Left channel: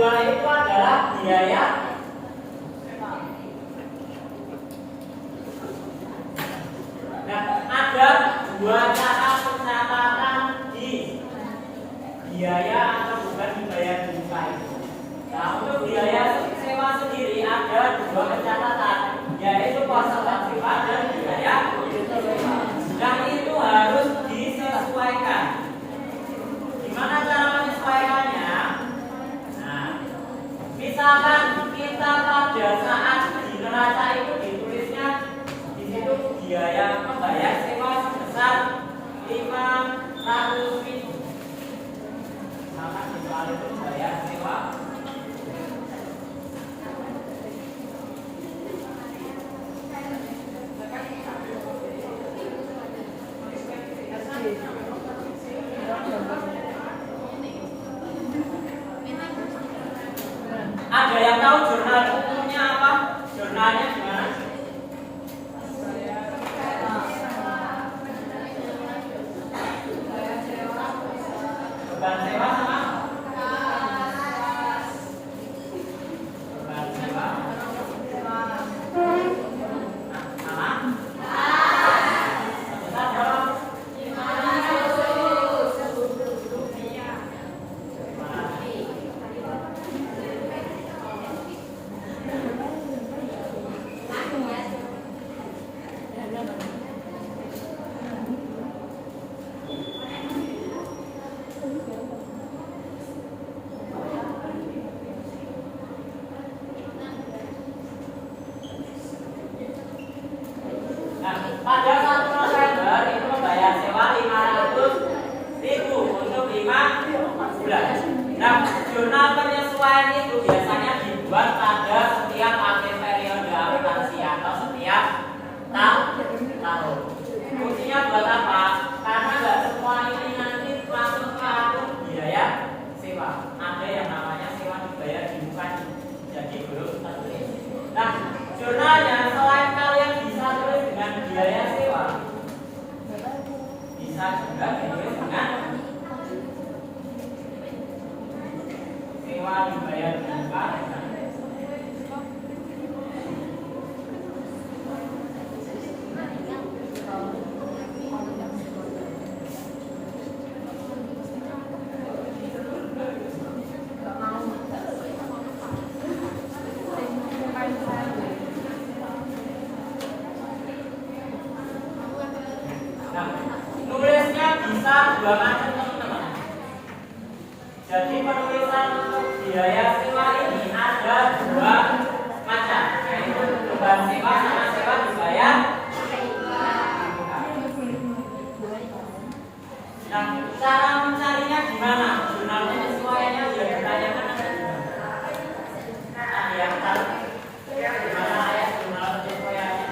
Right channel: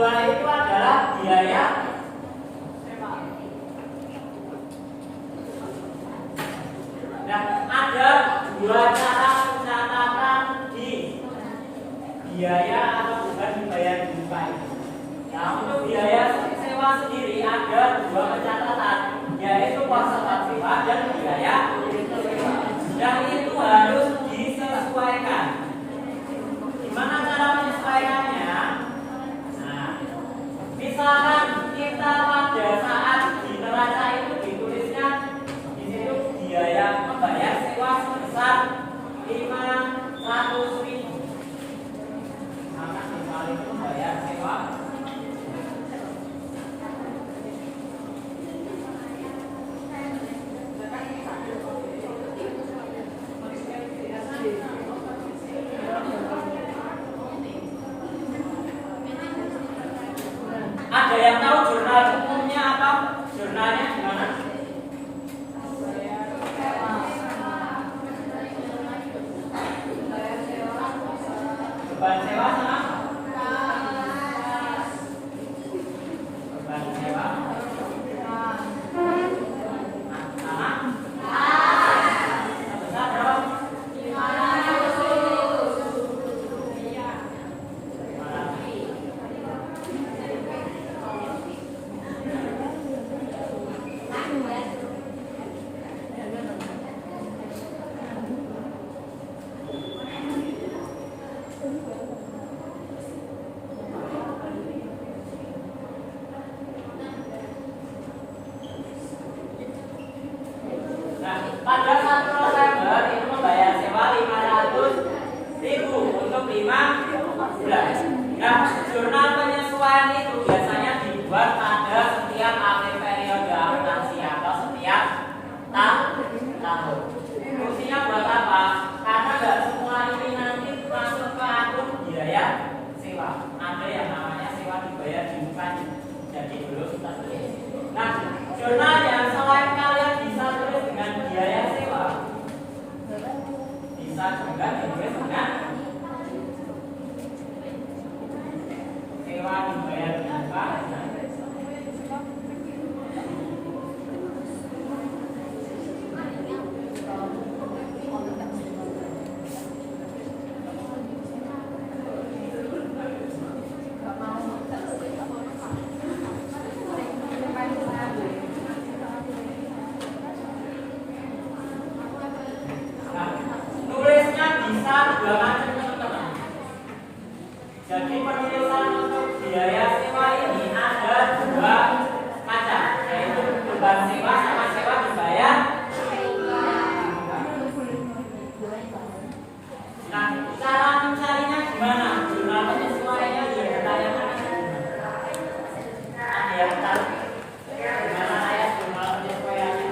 kedua itu adalah biaya. Nah, ada dua cara pencatatan di biaya atau bukan dibayar berupa itu. Nah, untuk biaya sewa sendiri ada dua pencatatan, yaitu konservasi dan biaya sewa. Dan itu harus disesuaikan. Gimana cara menyesuaikannya? Nah, misalkan kita pada saat di neraca itu ditulisnya di situ biaya membayar sewa sebesar 500.000. Maka soal itu membayar sewa Ada yang tahu jurnal umumnya apa? Jurnalnya gimana? Beban sewa sama? Beban sewa sama? Sebesar berapa? 500.000. Nah, pada 1 November itu membayar sewa 500.000 untuk 5 bulan. Nah, jurnal penyesuaian itu biasanya dibuat pada setiap akhir periode akuntansi atau setiap tahun. Fungsinya buat apa? Karena nggak semua ini nanti masuk ke akun biaya sewa. Ada yang namanya sewa dibayar di muka, jadi belum tertulis. Nah, jurnalnya selain kalian bisa tulis dengan biaya sewa, bisa juga ditulis dengan sewa dibayar di muka. Nulisnya bisa dua macam teman-teman. Jadi penulisan untuk biaya sewa ini ada dua macam, yaitu beban sewa sama sewa dibayar. Nah, cara mencarinya gimana? Jurnal penyesuaiannya sudah ditanyakan ada gimana? Ada yang tahu gimana ya jurnal penyesuaiannya?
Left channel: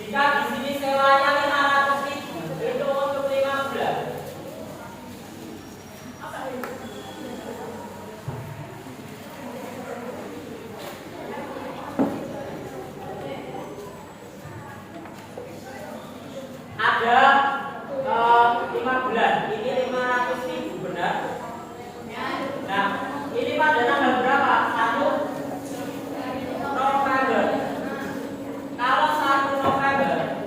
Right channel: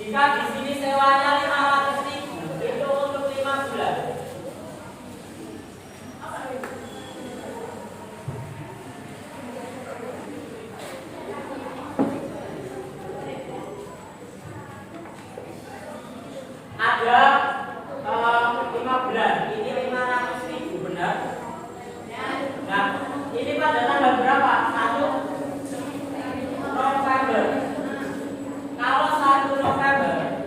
Jika di sini sewanya 500.000, itu untuk 5 bulan. Ada 5 bulan, ini 500.000 benar? Nah, ini pada tanggal berapa? 1 November. Kalau 1 November,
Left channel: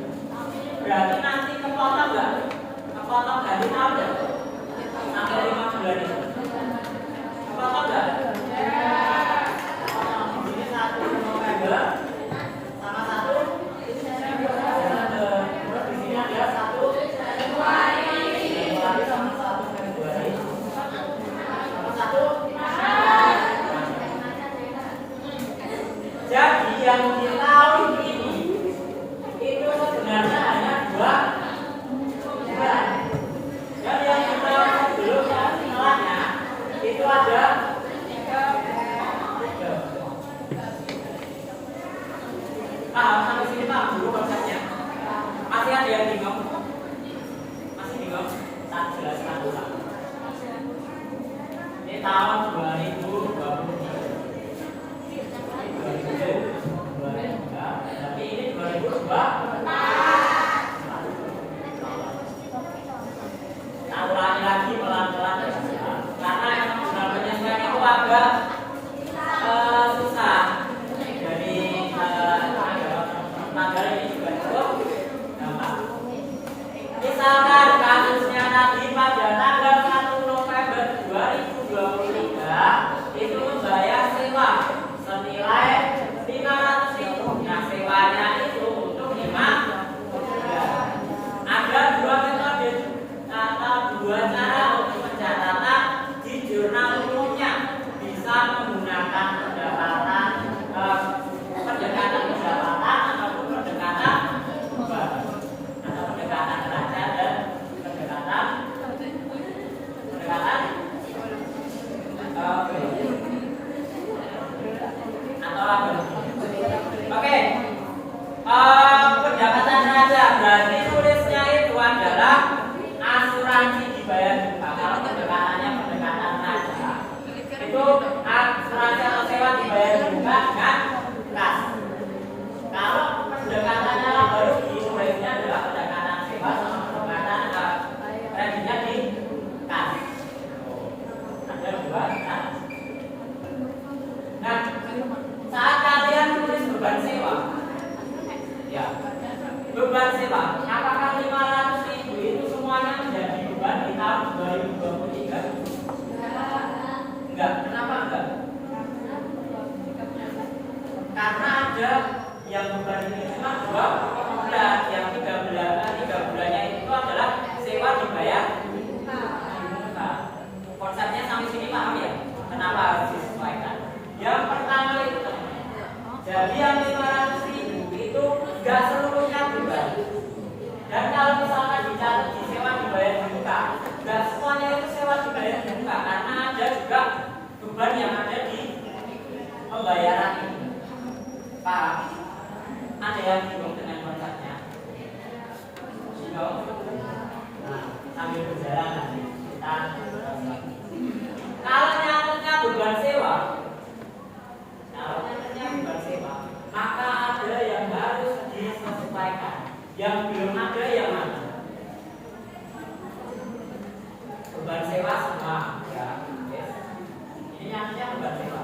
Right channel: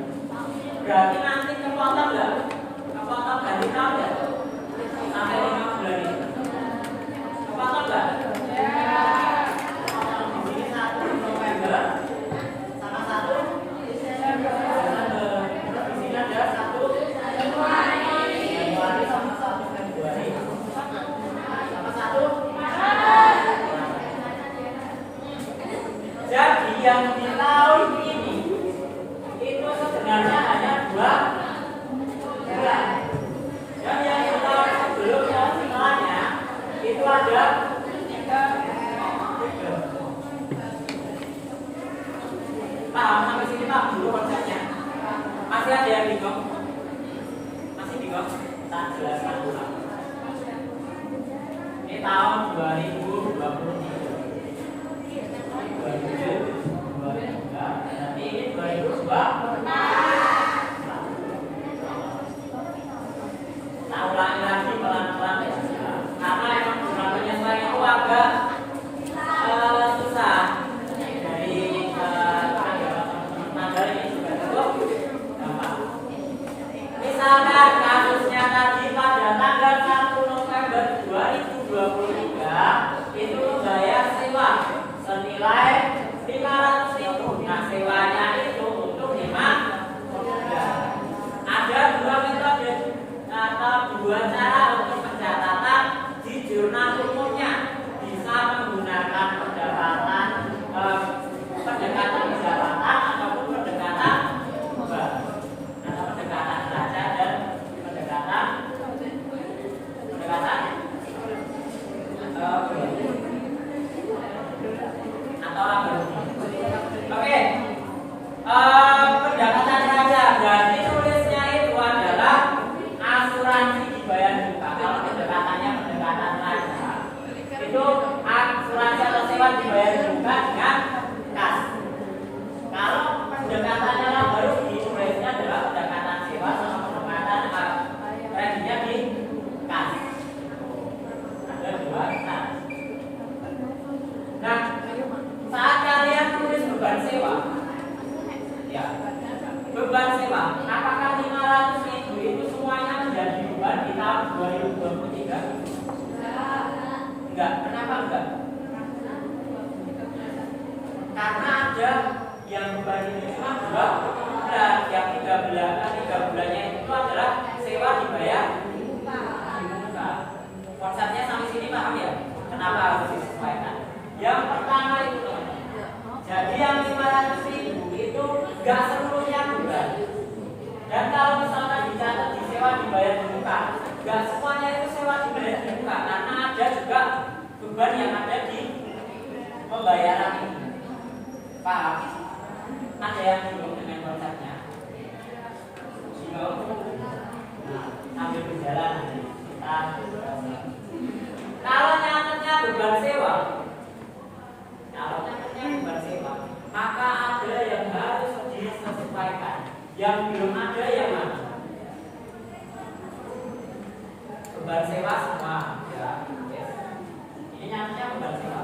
berarti nanti kepotong nggak? Kepotong dari tahun nggak? Sampai 5 bulan itu. Kepotong nggak? Kepotong. Ini 1 November sama 1 Desember. Terus di sini ada 1 Januari sama 1 Februari. Sama 1 Jadi yang di tahun ini itu sebenarnya hanya 2 bulan. Dan yang di tahun sebelumnya setelahnya itu ada 3. Paham sampai sini Pak dulu konsepnya? Masih ada yang bingung? Masih bingung? Tak jelaskan ulang. Ini tahun 2023. 2023 berarti ini 2022 500.000. Nah, sewanya itu untuk 5 bulan. Ada dua metode atau dua cara untuk pencatatan di jurnal umumnya. Bisa menggunakan pendekatan pendekatan ataupun pendekatan atau pendekatan raja dan pendekatan atau apa? Oke. Pendekatan raja berarti tulisnya itu adalah asuransi dibayar juga. Kalau pendekatannya pendekatan raja itu asuransi atau sewa dibayar juga dengan kas. Kalau pendekatannya baru ditulisnya adalah pendekatan sewa sama pendekatan kreditnya di kas. Ada dua kas. Nah, saat kalian tulis beban sewa, ya, beban sewa, apakah 500.000 itu semuanya menjadi beban di tahun 2023? Enggak. Kenapa enggak? Karena ada yang beban itu cuma 2 bulan, yang 3 bulannya itu adalah sewa dibayar di muka. Konsepnya sampai sini paham ya? Kenapa harus disesuaikan? Yang pertama itu teman-teman. Jadi yang 500.000 itu enggak seluruhnya beban. Dan kalau misalkan dicatat di sewa dibayar di muka, enggak semuanya itu sewa dibayar di muka, karena ada juga beban yang ada di pembayaran ini. Paham? Ada yang bingung dengan konsepnya? Bingung? Nah, sambil berjalan nanti kita kalau nyatetnya beban sewa, maka ada yang harus disesuaikan. Yang belum ada yang mana? Beban sewa semua, ya. Ini nyatetnya beban sewa.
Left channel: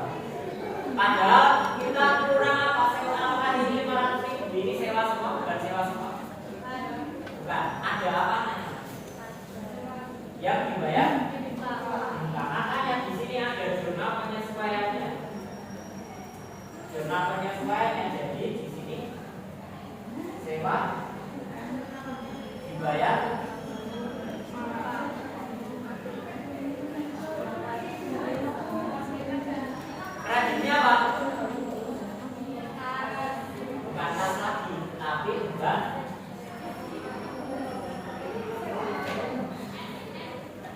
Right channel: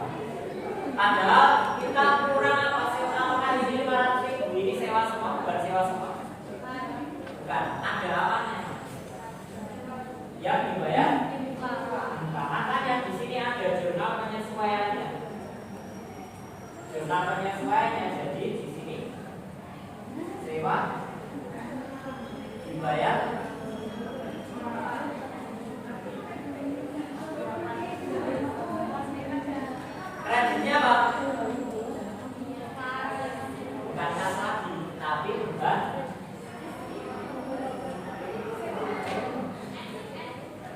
Padahal kita kurang apa sewa, apakah ini 500.000 ini sewa semua, beban sewa semua? Bukan, ada apanya? Yang dibayar? Makanya di sini ada jurnal penyesuaiannya. Jurnal penyesuaiannya, jadi di sini sewa dibayar kreditnya apa? Bukan kas lagi, tapi beban.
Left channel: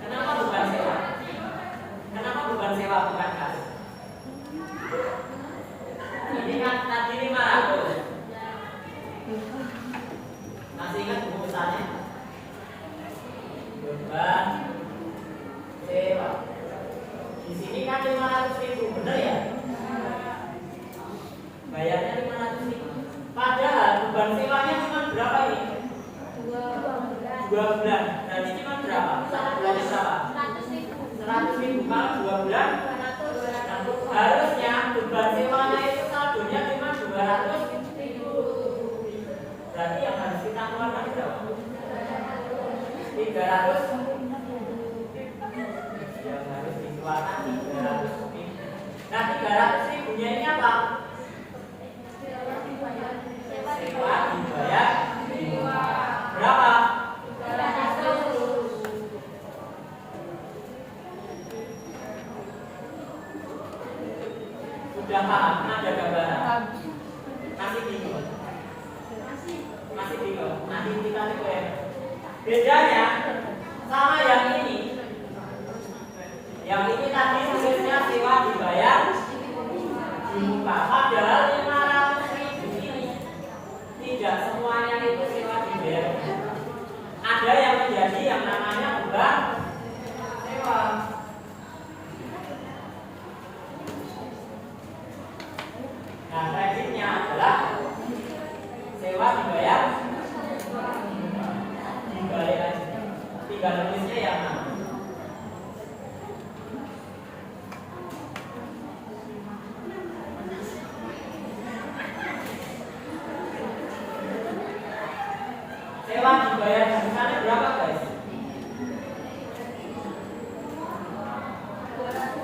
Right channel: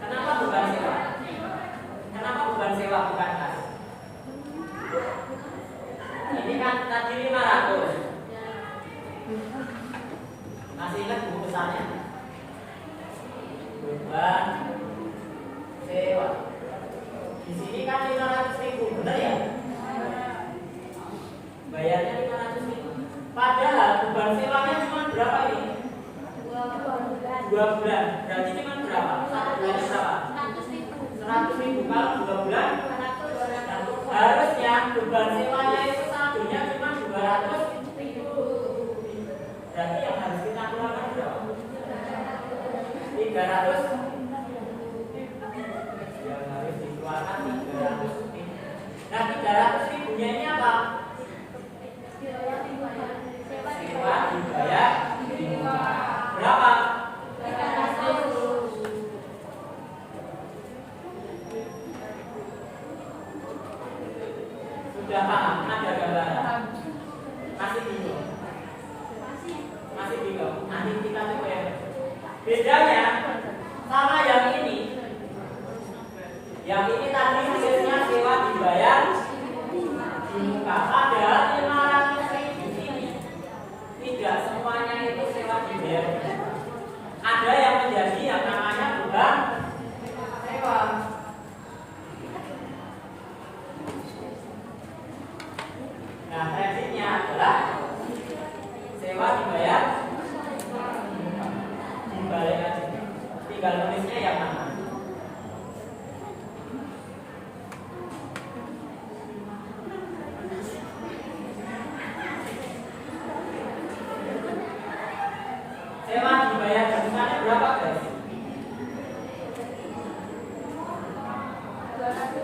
Kenapa beban sewa? Kenapa beban sewa bukan kas? Ini kan tadi 500. Masih ingat bungkusannya? Beban sewa. Di sini kan 500.000, benar ya? Bayarnya 500.000. Padahal beban sewanya cuma berapa ini? 2 bulan. Berarti cuma berapa? 1 bulannya berapa? 100.000. Kalau 2 bulan harusnya beban sewanya itu saldonya cuma 200.000. Berarti yang harus kita keluarkan berapa? 300. Yang harus dikeluarkan 300.000. Nah, 300.000-nya ini apa? Sewa dibayar di muka. Berapa? 300. Sudah paham? Ada gambaran? Masih bingung? Masih bingung? Nanti kita coba ya. Bedanya sama yang ini. Yang ini tadi tulisnya sewa dibayar di muka. Padahal 500.000 ini tidak semuanya itu sewa dibayar. Ada yang menjadi yang namanya beban sewa. Nah, kreditnya adalah sewa dibayar dibalik aja. Tinggal nulisnya yang mana? Sewa dibayar di sana berapa, guys? 200.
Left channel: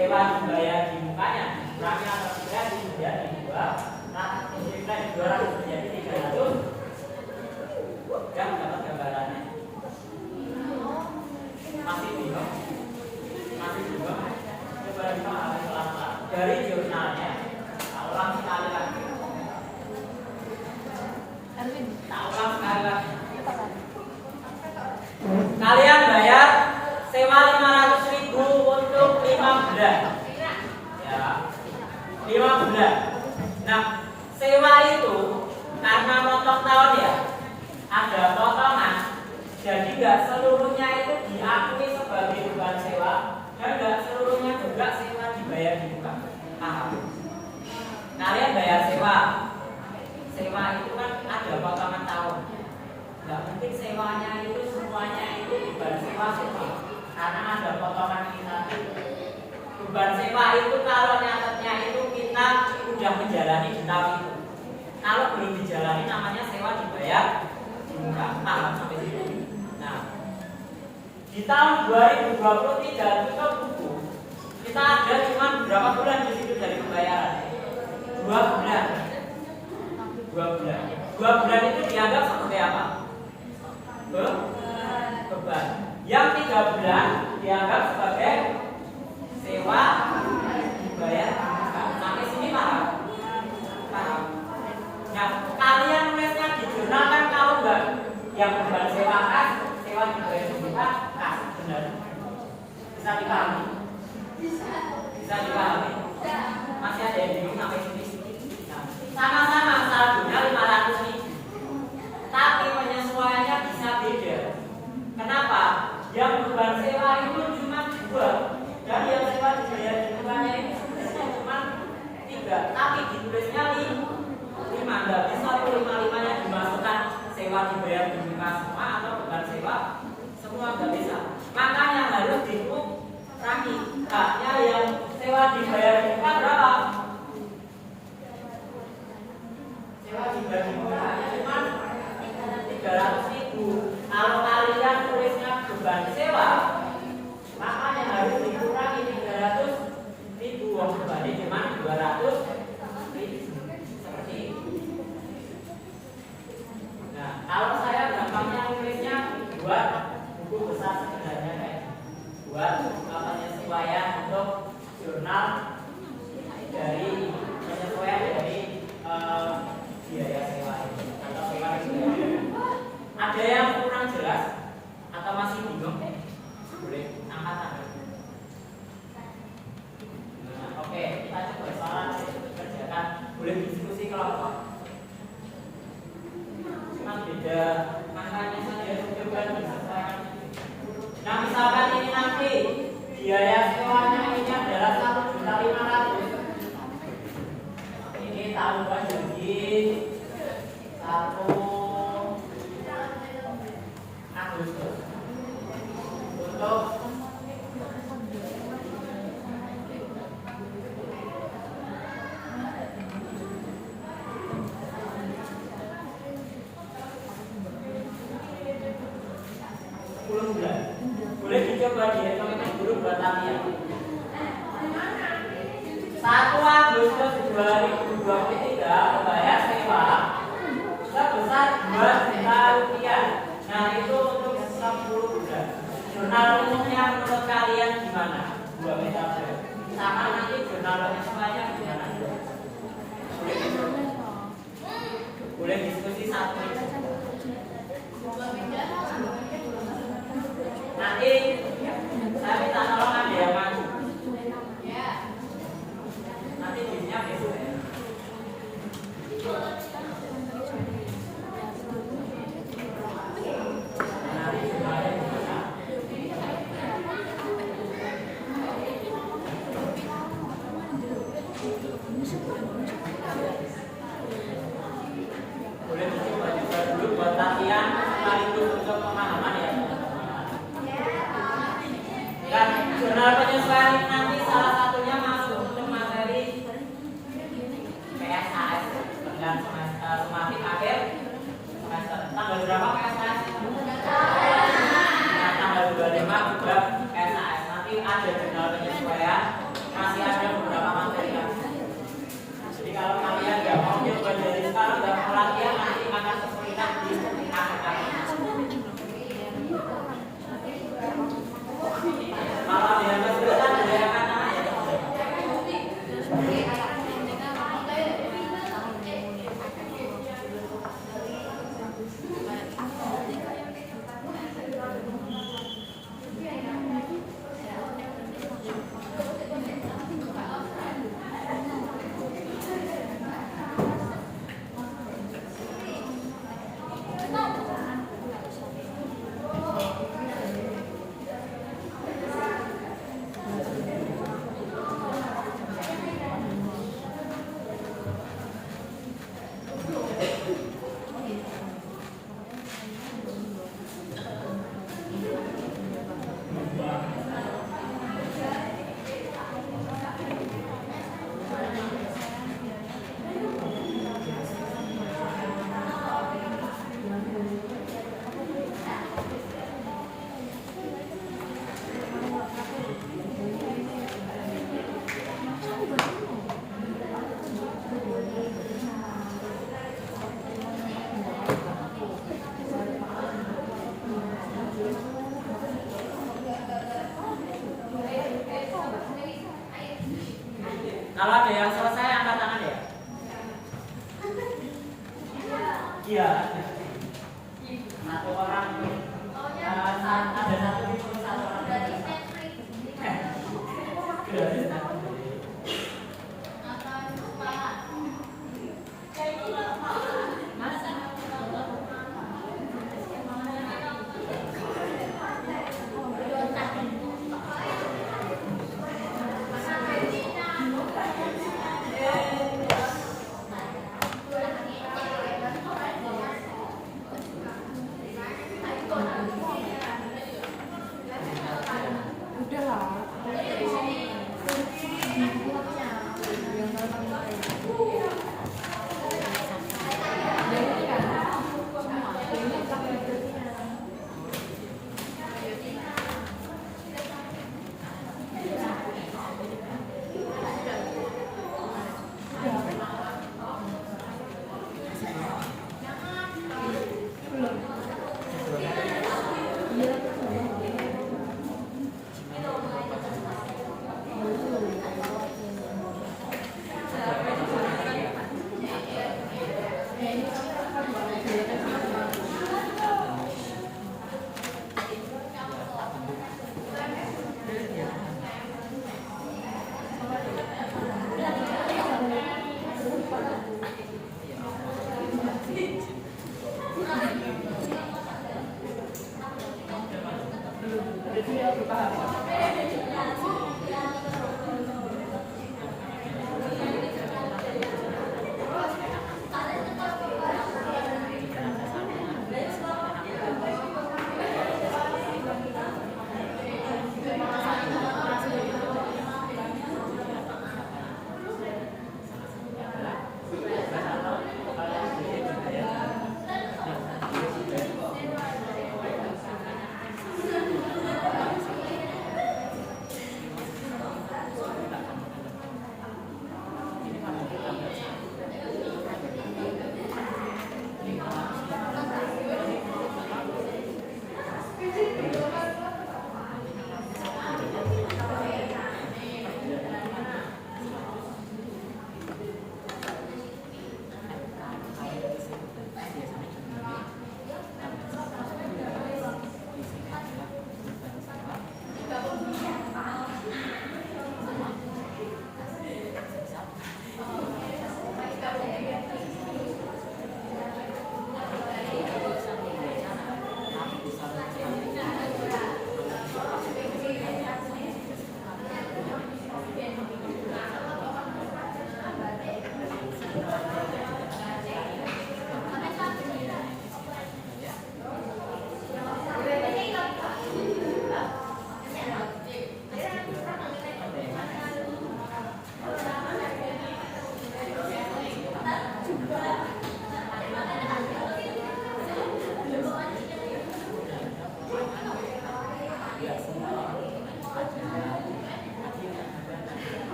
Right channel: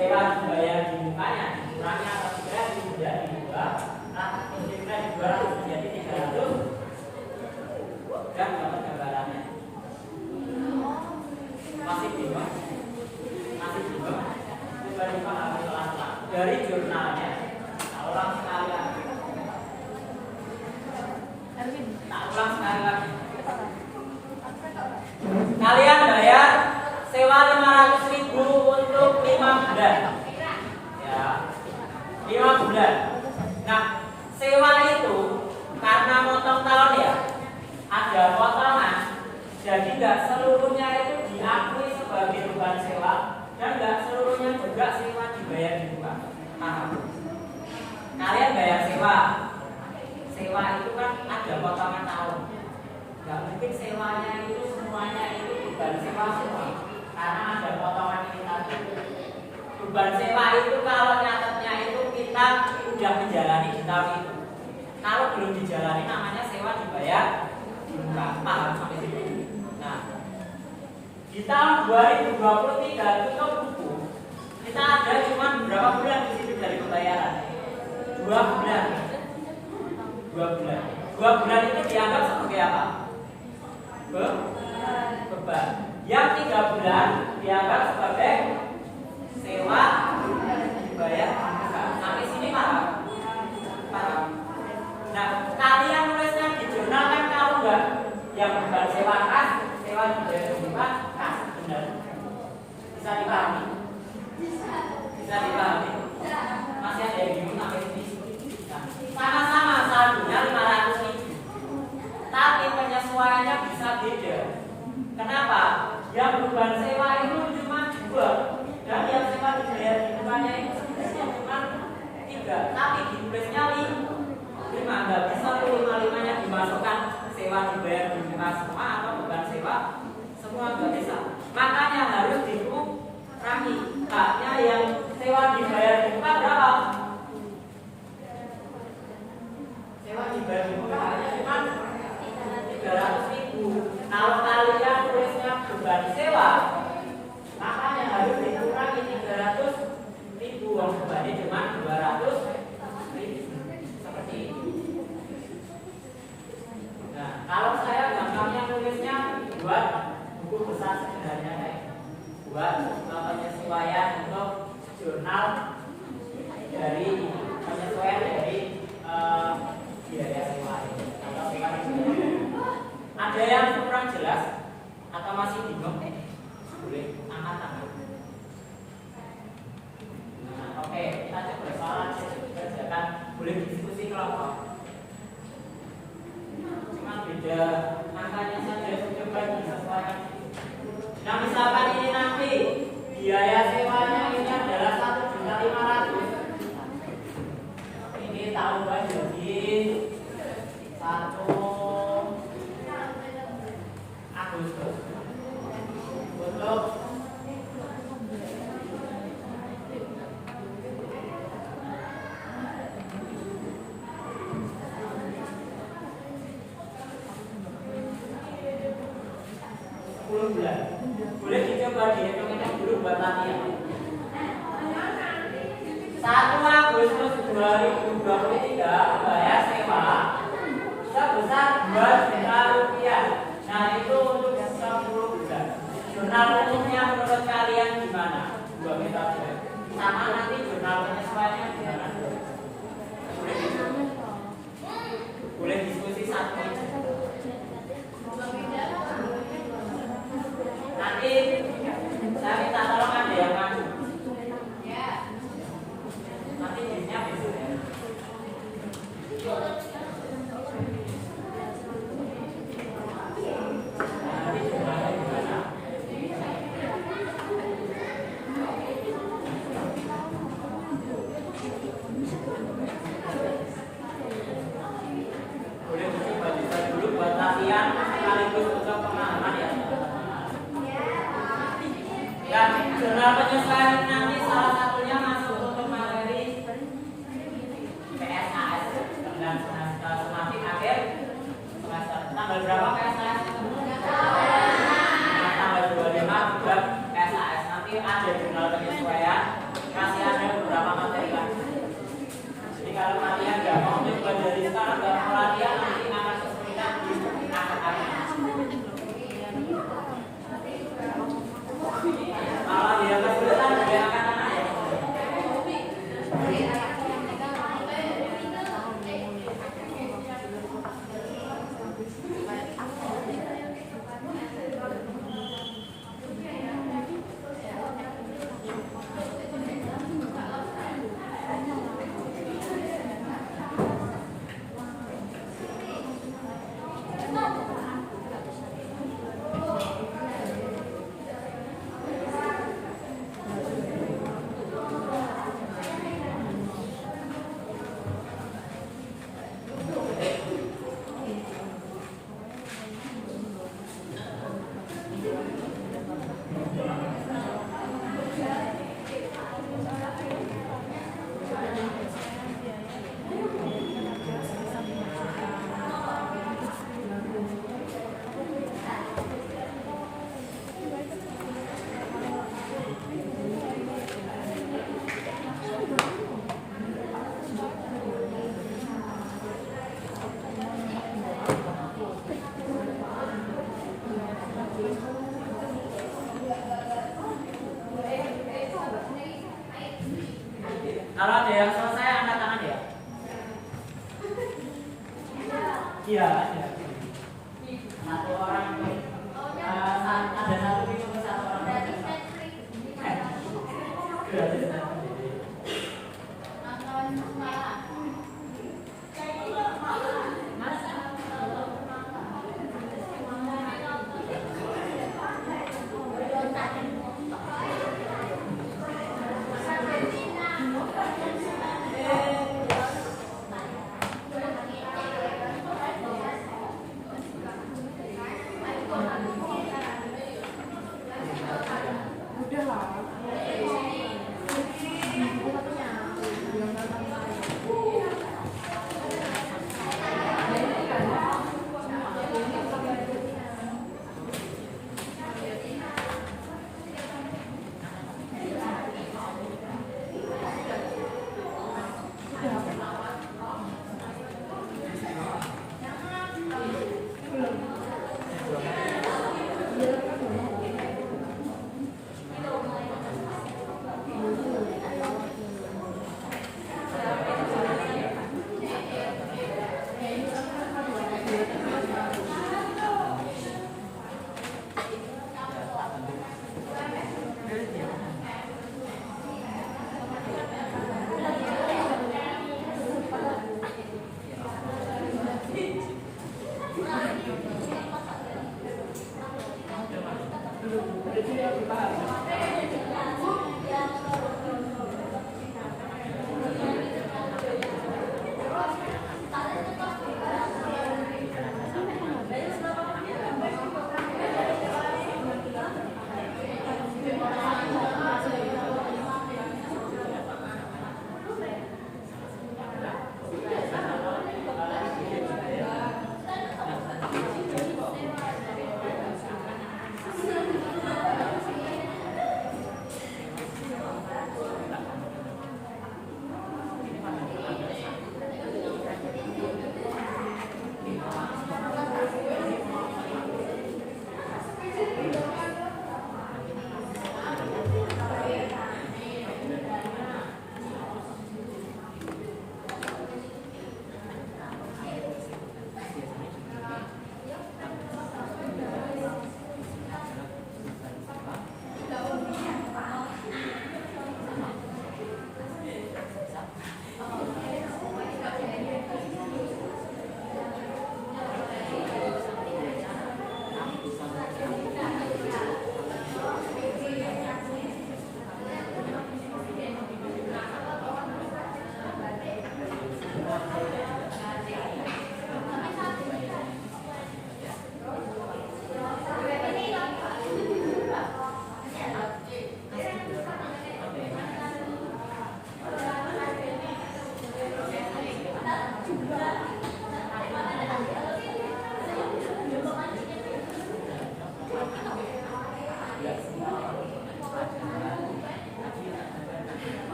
sewa dibayar di mukanya dikurangi atau tidak menjadi 2, nah dikurangi 200 menjadi 300. Dan dapat gambarannya. Masih bingung? Coba dipahami pelan-pelan dari jurnalnya. Tak ulang sekali lagi. Kalian bayar sewa 500.000 untuk 5 bulan. Ya, 5 bulan. Nah, sewa itu karena motong tahun ya, ada potongan. Jadi nggak seluruhnya itu diakui sebagai beban sewa dan nggak seluruhnya juga sewa dibayar di muka. Paham? Kalian bayar sewa itu kan ada potongan tahun. Nggak mungkin sewanya itu semuanya itu beban sewa karena ada potongan ini tadi. Beban sewa itu kalau nyatetnya itu kita udah menjalani di tahun itu. Kalau belum dijalani namanya sewa dibayar di muka. Paham sampai situ? Nah, di tahun 2023 itu buku kita ada cuma berapa bulan di situ dari pembayaran? 2 bulan. 2 bulan itu dianggap sebagai apa? Beban. Yang 3 bulan dianggap sebagai sewa dibayar. Sampai sini paham? Nah, kalian nulisnya di jurnal kan tahu nggak? Yang beban sewa kas, sewa dibayar juga kas, benar? Bisa dipahami? Bisa dipahami? Masih ada yang bingung sampai sini? Sama-sama saldonya 500.000. Tapi penyesuaiannya bisa beda. Kenapa? Yang beban sewa itu cuma 2 dan yang sewa dibayar di depannya itu sebenarnya cuma 3. Tapi ditulisnya 5. Nggak bisa 5-5-nya dimasukkan sewa dibayar di muka semua atau beban sewa semua, nggak bisa. Makanya harus dikurangi. Haknya yang sewa dibayar di muka berapa? Sewa dibayar di muka hanya cuma 300.000. Kalau kalian tulisnya beban sewa, makanya harus dikurangi 300.000. Wong bebannya cuma 200.000. Seperti itu. Nah, kalau saya gampangnya nulisnya buat buku besar sebenarnya buat penyesuaian untuk jurnal dari penyesuaian dari biaya sewa atau sewa dibayar. Ada yang kurang jelas atau masih bingung? Boleh angkat tangan. Nah, oke, kita coba soal kerjakan. Boleh diskusi kelompok. Cuma beda angkanya saja, coba disesuaikan. Nah, misalkan ini nanti biaya sewanya ini adalah 1.500.000. Ini tambah jadi 1 Agustus untuk bulan. Boleh dicoba dihitung-hitung dulu buat latihan. 1 Agustus 2023 bayar sewa sebesar 2 juta rupiah. Nah, itu untuk 10 bulan. Jurnal umumnya menurut kalian gimana? 2 juta bulan. Sama nanti jurnal penyesuaiannya gimana? Boleh diskusi satu. Nanti saya minta tolong ada yang maju. Nanti timnya besok ya. Kalau ada yang selesai angkat tangan ya. Iya. Satu orang ada satu di satu orang. Udah lah.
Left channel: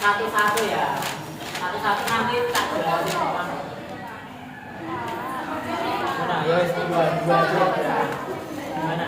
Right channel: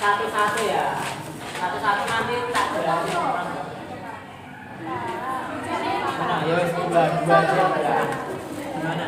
satu-satu ya. Satu-satu nanti tak jelasin orang. Mana ya dua aja gimana?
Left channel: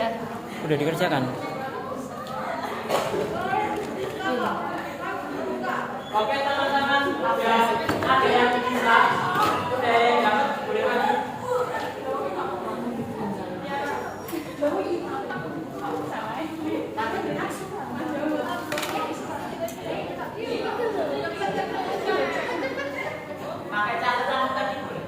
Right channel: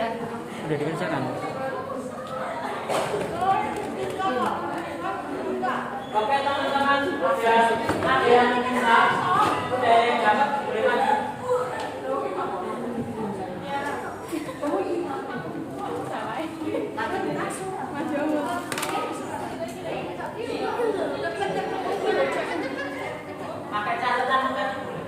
Udah dikerjakan. Oke teman-teman, ada yang bisa, udah ada yang dapat, boleh maju. Pakai catatan tadi boleh.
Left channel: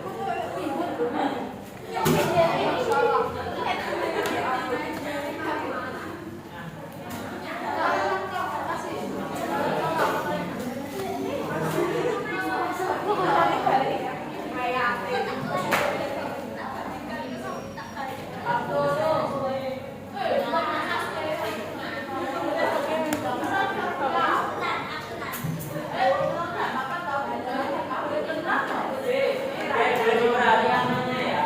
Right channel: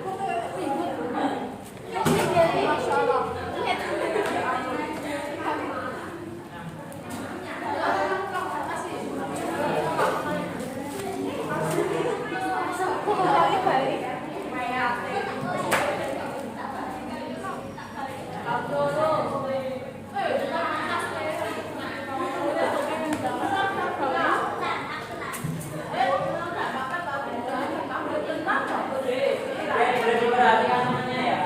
Boleh diperhatikan mana ya?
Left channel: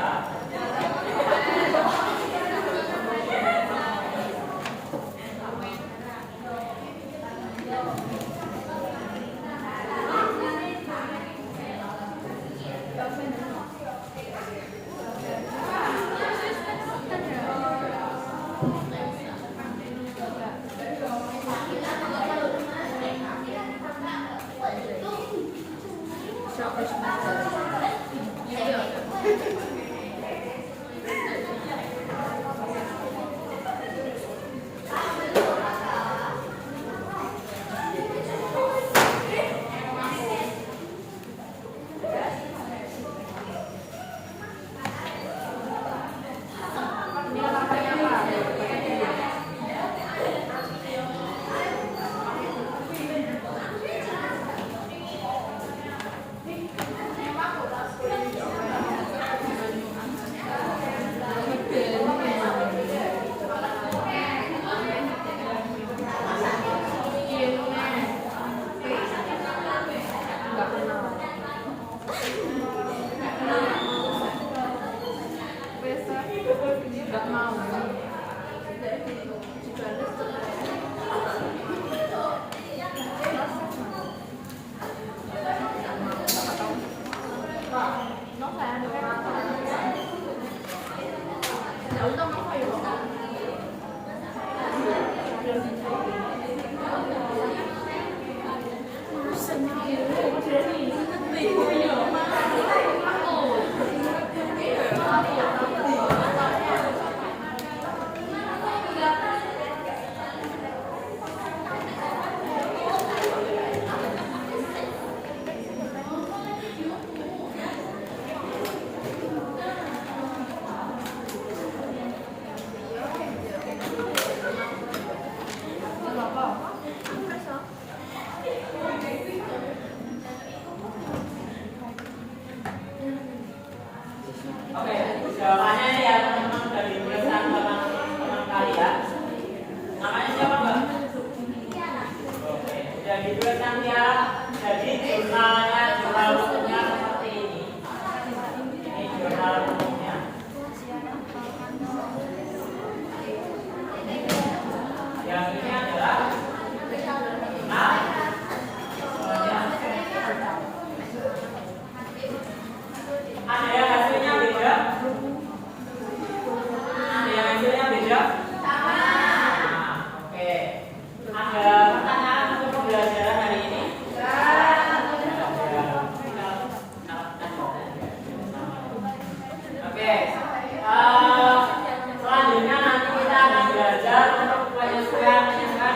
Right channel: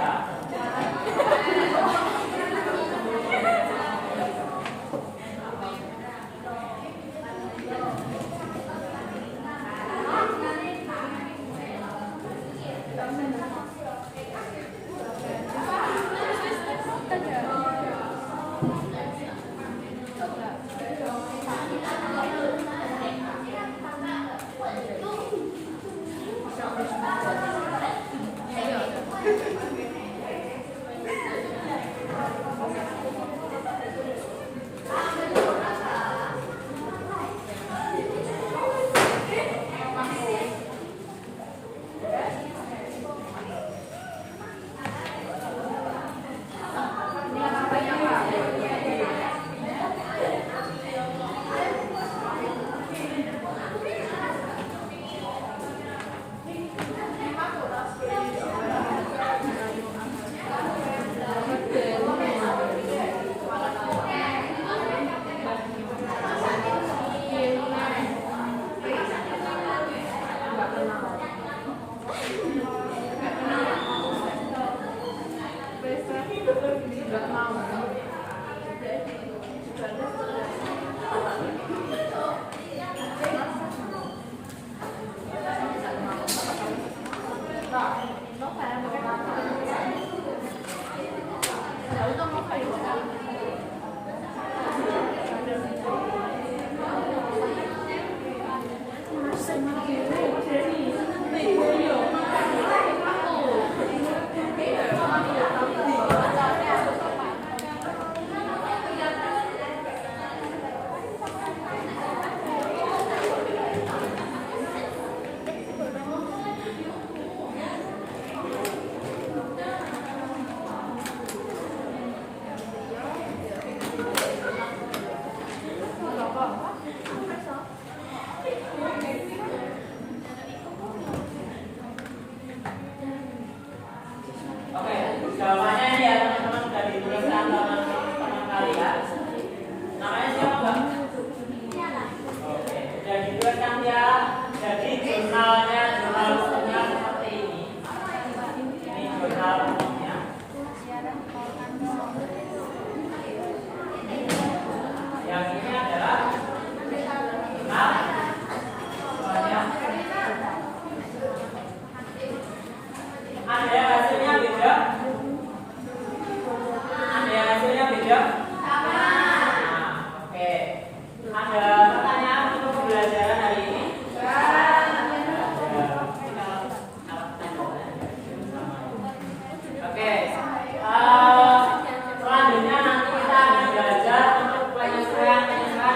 Oke, jawabannya ya teman-teman sudah dituliskan teman-teman kalian. Namanya siapa, Mbak? Oke, sudah dituliskan ya. Jadi jurnalnya, jurnal umumnya seperti ini. Ini jurnal umumnya. Yang ini adalah jurnal. Ada yang hasilnya beda? Ada yang hasilnya beda? Nah, oke. Ada pertanyaan untuk pembelajaran hari ini? Oke. Selanjutnya nanti kita akan belajar untuk penyesuaian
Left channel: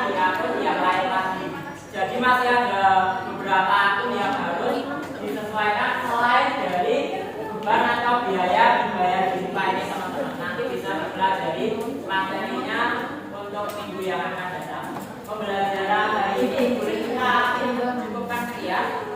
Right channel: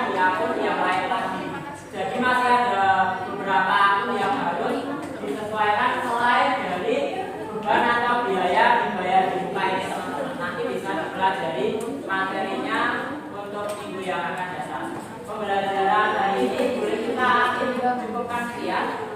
di akun yang lain lagi. Jadi masih ada beberapa akun yang harus disesuaikan mulai dari beban atau biaya dibayar di rumah ini teman-teman. Nanti bisa mempelajari materinya untuk minggu yang akan datang. Pembelajaran hari ini boleh kita cukupkan sekian.